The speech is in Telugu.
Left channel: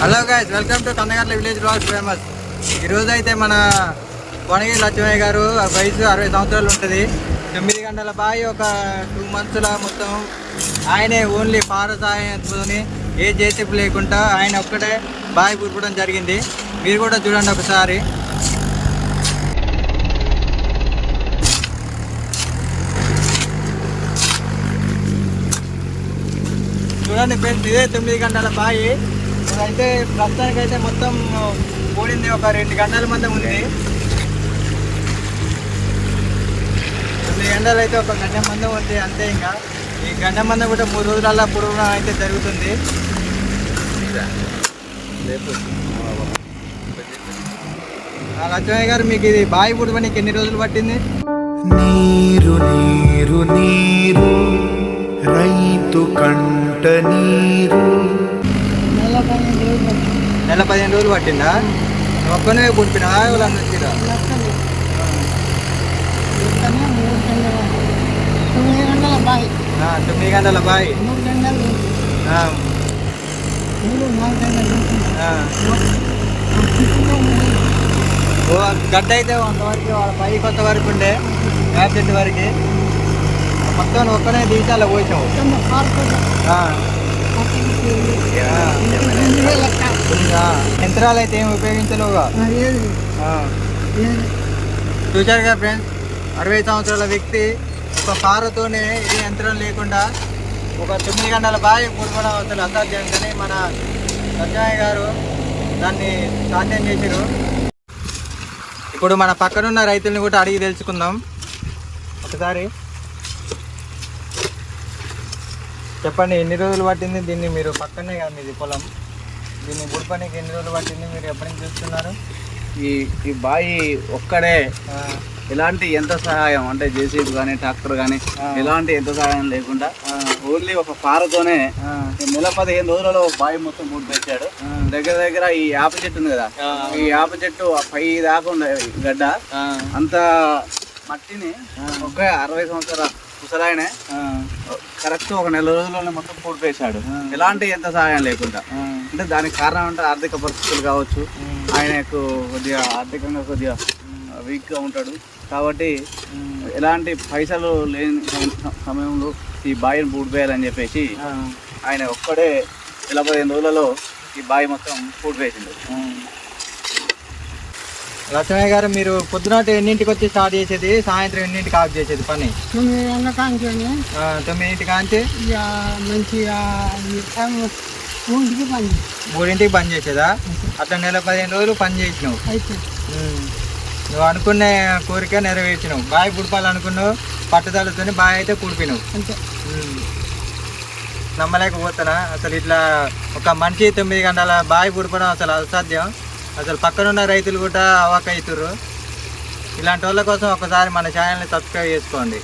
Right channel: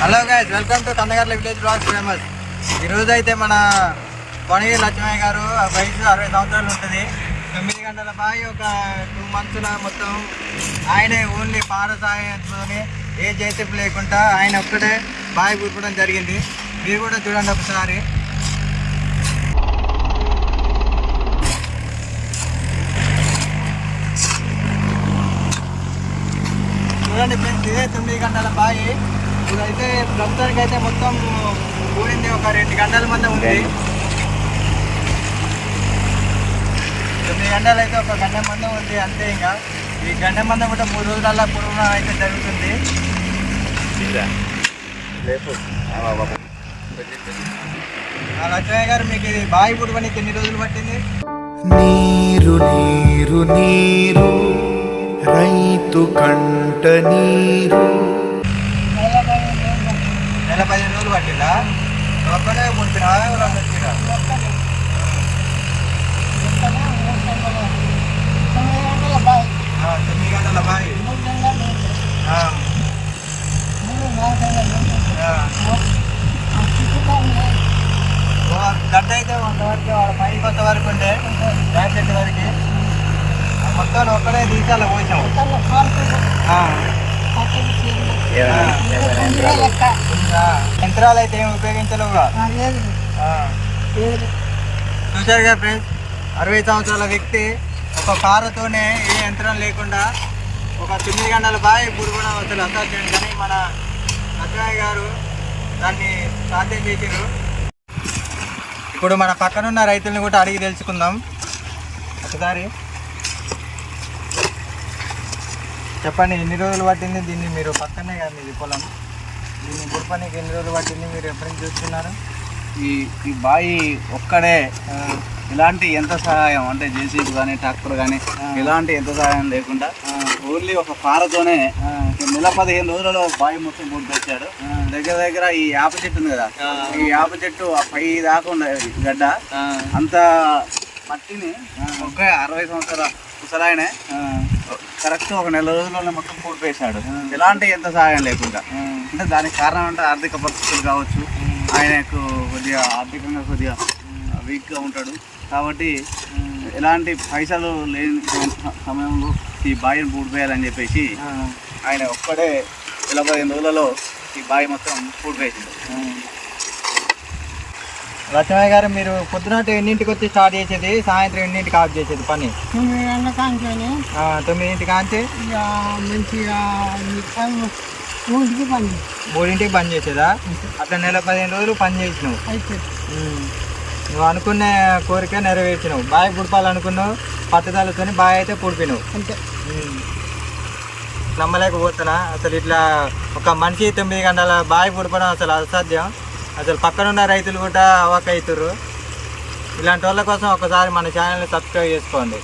Hello guys welcome to Kandagarla village blogs famous ఈరోజు అయితే మన కొనగి లక్ష్మయ్య గారు ఆ వయసు అరవై సంవత్సరాలు ఉంటుంది. తొమ్మిది గంటల బాయి ఒక టూ మంత్స్లో మొత్తం ఆయనే ఓన్లీ పార సాయంతోనే ఏ జేసీపీ లేకుండా ఆయన ఒక్కడే బావి కూర్పడం జరిగింది. మీరు కూడా చూడండి ఒకసారి. చూడండి ఇదే తొమ్మిది గంటల బావి ఇదైతే ప్రస్తుతానికి అయితే మొత్తం పోయింది ఒక రెండు గంటల మధ్య ఉంది. తొమ్మిది గంటలు అయితే ఒక గంట మందం ఉంది అంతే ఇంకా. ఈ గంట మందం కూడా మూడు రోజులల్లా పొడవునా అయితే జరుగుతుంది. లక్ష్మయ్య గారు మీకు ఇది బావి పుడవనికి ఎన్ని రోజులు పట్టింది? నీరు నీరు నీరు రైతు కంట నీరు. నెల పదిహేను రోజులు పట్టిందా ఒక్కనే పుట్టినావా ఎవరన్నా వచ్చిరా తొమ్మిది గంటల బాయ్ తొమ్మిది గంటల బావి మూడు గంటలు మూడు నాలుగు గంటలు గడ్డ అయితే అంతవరకు వాళ్ళ పై కొత్త వరకు ఉండే. చెట్టు వరకు. మొత్తం ఒక్కనే తీసి అలా పోసావు. యంత్రాలు అయితే ఏం ఉపయోగించలేవుగా కదా ఫ్రెండ్స్ అరవై సంవత్సరాల వ్యక్తి ఒక కారుతోనే ఏ యంత్రం లేకుండా ఒక తొమ్మిది గంటల బావి పుడవడం అసలు అసాధ్యం కానీ మన సత్యనారాయణ గారు దాన్ని సాధ్యం చేసిరు ఇప్పుడు మన పక్కనున్న రైతుల్ని కూడా అడిగి తెలుసుకుందాం. ఒకసారి చెప్పండి ఎన్ని రోజులు పట్టింది దీన్ని మీరు పక్కనే కదా మీది పొలం? దీన్ని పుడపనికి ఎన్ని రోజులు పట్టింది మీరు ఎప్పటి నుంచి చూస్తున్నారు? ఈ ఈ బాయి ఒక్కడే ఎలాంటి ఎంత సహాయం? అంటే జేసీబీ కానీ ట్రాక్టర్ కానీ. ఎలాంటి ఎంత సహాయం లేకుండా ఓన్లీ ఒక కారుతోనే నెల పదిహేను రోజులలో బావి మొత్తం మూడు ఆ. దగ్గర దగ్గర ఈ యాప చెట్టు ఉంది కదా. ఈ యాప చెట్టు ఆ పై దాకా ఈ గడ్డ. అంత మట్టిని ఒక అరవై సంవత్సరాల ముసలాయనే కరెక్ట్ ఒక నెల రోజుల్లోనే మొత్తం పూడిపేశాడు ఎలాంటి ఎంత సహాయం లేకుండా. అంటే దానికి కారణం అంటే ఆర్థిక పరిస్థితులు కావచ్చు. ఆయనకు కొద్దిగా ఆర్థికంగా కొద్దిగా వీక్గా ఉంటాడు. కాబట్టి ఎలాంటి పైసలు లేని సమ- సమయంలో ఈ బావిని పూడిపోయాలని చెప్పేసి ఆయన ఒక్కడే ఇలా పదిహేను రోజులలో ఈ బావి మొత్తం పూడిపోయిండు ఆ. లక్ష్మయ్య గారు మీరు పొద్దున ఎన్నింటికి వచ్చి స్టార్ట్ చేసేది? సాయంత్రం ఎన్నింటికి ఆఫ్ చేసేది పని? తొమ్మిది గంటల కాంచని. కాంచి? మంచిగా పని మూడింటికి బంద్ చేసేదా? అట్లా నెల పదిహేను రోజులు పని చేసినావు. నువ్వు అనుకున్న కోరిక నెరవేర్చినావు. బావి పుడపాలనుకున్నావు. పట్టుదలతో బావి అయితే పుడిపినావు. నమ్మలేకపోతున్నా. అసలు ఇట్లా ఒక మనిషి తొమ్మిది గంటల బావి పుడపడం అసలు అసాధ్యం. అసలు పక్కనున్న రైతులు కూడా అవాక్ అవుతారు ఇలాంటి వాళ్ళ కోసం ఒకసారి మన ఛానల్ని సబ్స్క్రైబ్ చేసుకోండి.